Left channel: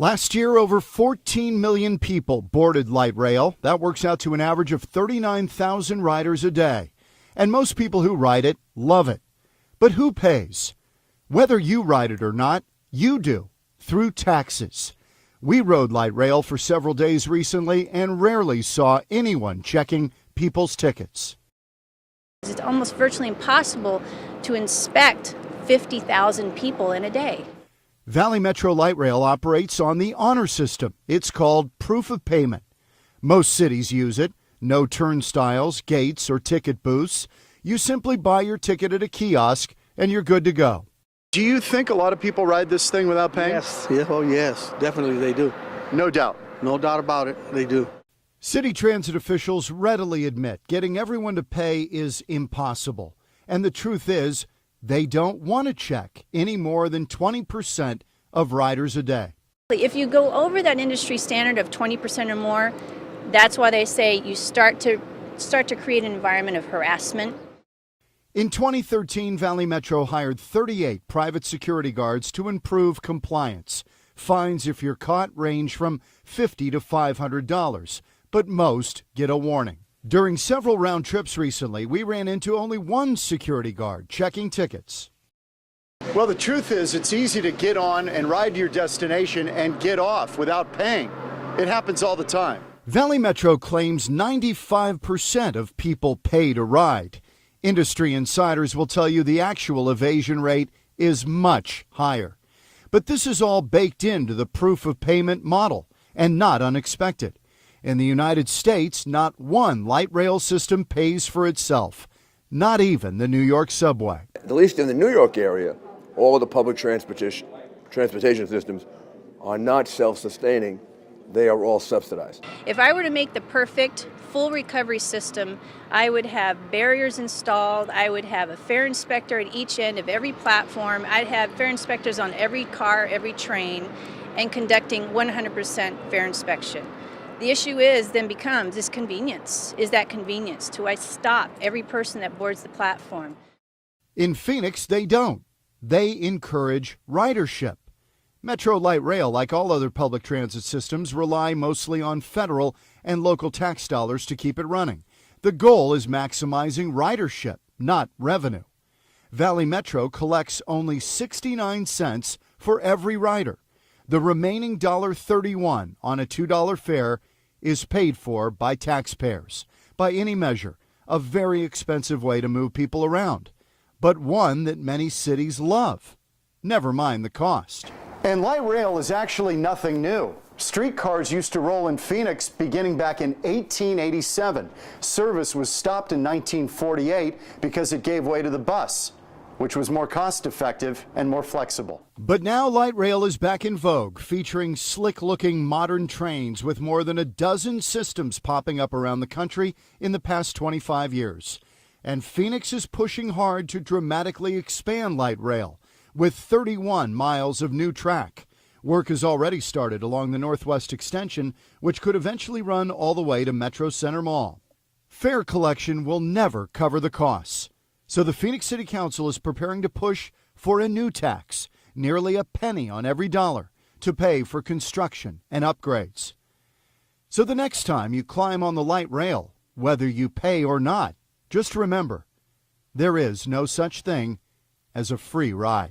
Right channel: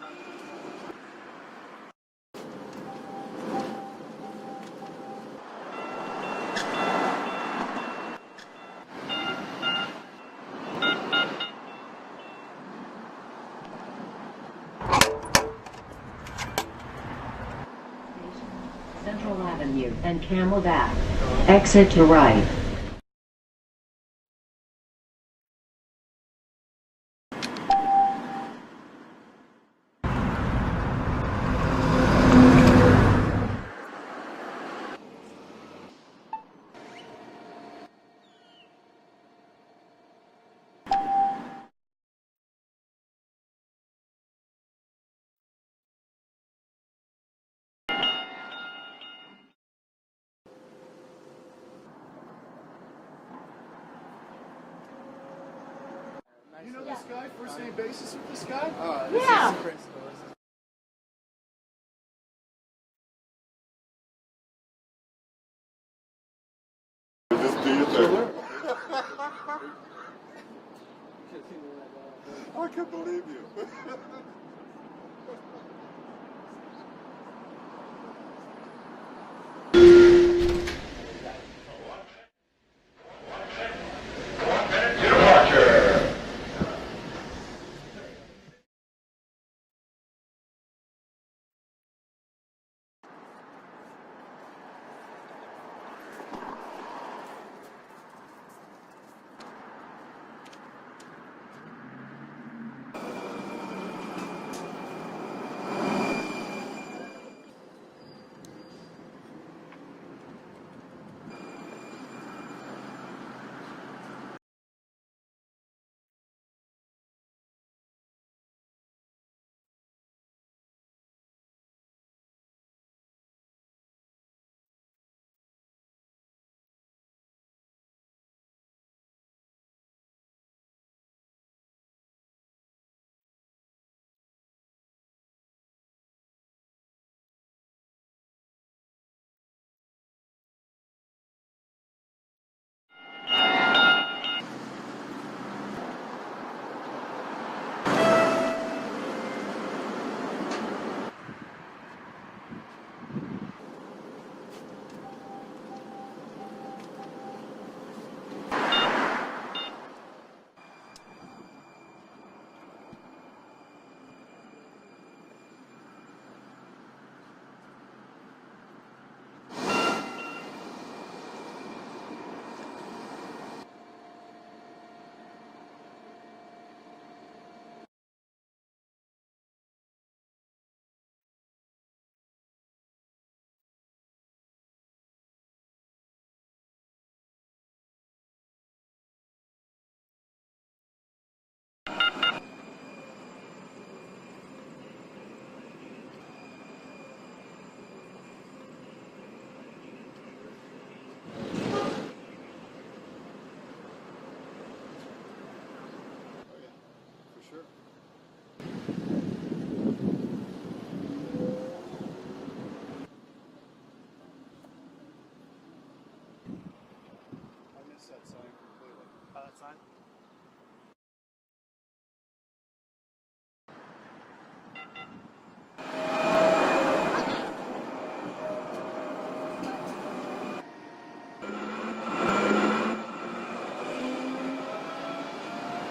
Last year, over 14 million people boarded light rail. That works out to an average of 39,000 riders a day. And most people who ride it love it. But who pays? Whether you ride it or not, you do, through taxes. We rode light rail for several days recently and rarely saw anyone checking people's tickets. Exit to right. It's almost virtually impossible to inspect 50,000 people in a day. Valley Metro Light Rail operates on the honor system. It's called proof of payment. Most cities use it. No turnstiles, gates, or ticket booths. You simply buy your ticket at a kiosk and you're good to go. Do you think a lot of people ride this thing without paying? Yes, yes, definitely they do. No doubt. No doubt about it, they do. City transit officials readily admit getting everyone to pay is impossible. And the truth is, they don't want to check any more than 20% of riders a day. If you go over that industry standard of 20% or more, that's why they say you start to create an environment of harassment. In 2013, Valley Metro hired 38 private security guards to improve compliance. Fines, if you're caught, range from $50 to $500. But most get a warning. During several round trips recently, we ran into only one security guard checking tickets. Well, the truth is, it's easy to get on and ride to your destination and get off without paying. It happens all the time. Valley Metro claims 95% of people pay to ride. Industry insiders will tell you the actual evasion rate is much higher. But this is all baked into the proof of payment model and not unexpected. In the United States, not one light rail system pays for itself, not even the New York subway. At least in the New York area, all of the public transportation systems are not self-sustaining. They are all subsidized. If I were to make the perfect full recovery system, I would have barriers installed, I would have a fare inspector at each end of every platform, I'd have fare inspectors on every car, every train, and conducting 100% fare inspection. The issue becomes convenience. Is that convenience? Do I stop every person that boards the platform? In Phoenix, they don't. They encourage ridership. Metro Light Rail, like all other public transit systems, rely mostly on federal and local tax dollars to keep it running. The goal is maximizing ridership, not revenue. Valley Metro collects only 69 cents for every rider. The remaining $1.31 on a $2 fare is paid for by taxpayers. By any measure, a very expensive way to move people around, but one that many cities love. Never mind the cost. And light rail is actually nothing new. Streetcars used to roll in Phoenix beginning back in 1887. Service was stopped in 1948 because it gave way to the bus, which was more cost-effective and more flexible. But now light rail is back in vogue, featuring slick-looking modern trains with more than a dozen systems popping up around the country in the past 25 years. And Phoenix is pushing hard to dramatically expand light rail with 31 miles of new track. Work has already started along the Northwest Extension, which could eventually run all the way to Metro Center Mall. Fare collection will never cover the costs. So the Phoenix City Council is preparing to push for a new tax, nearly a penny on every dollar, to pay for construction and upgrades. So the next time you climb on the light rail, whether you pay or not, just remember, there is no such thing as a free ride.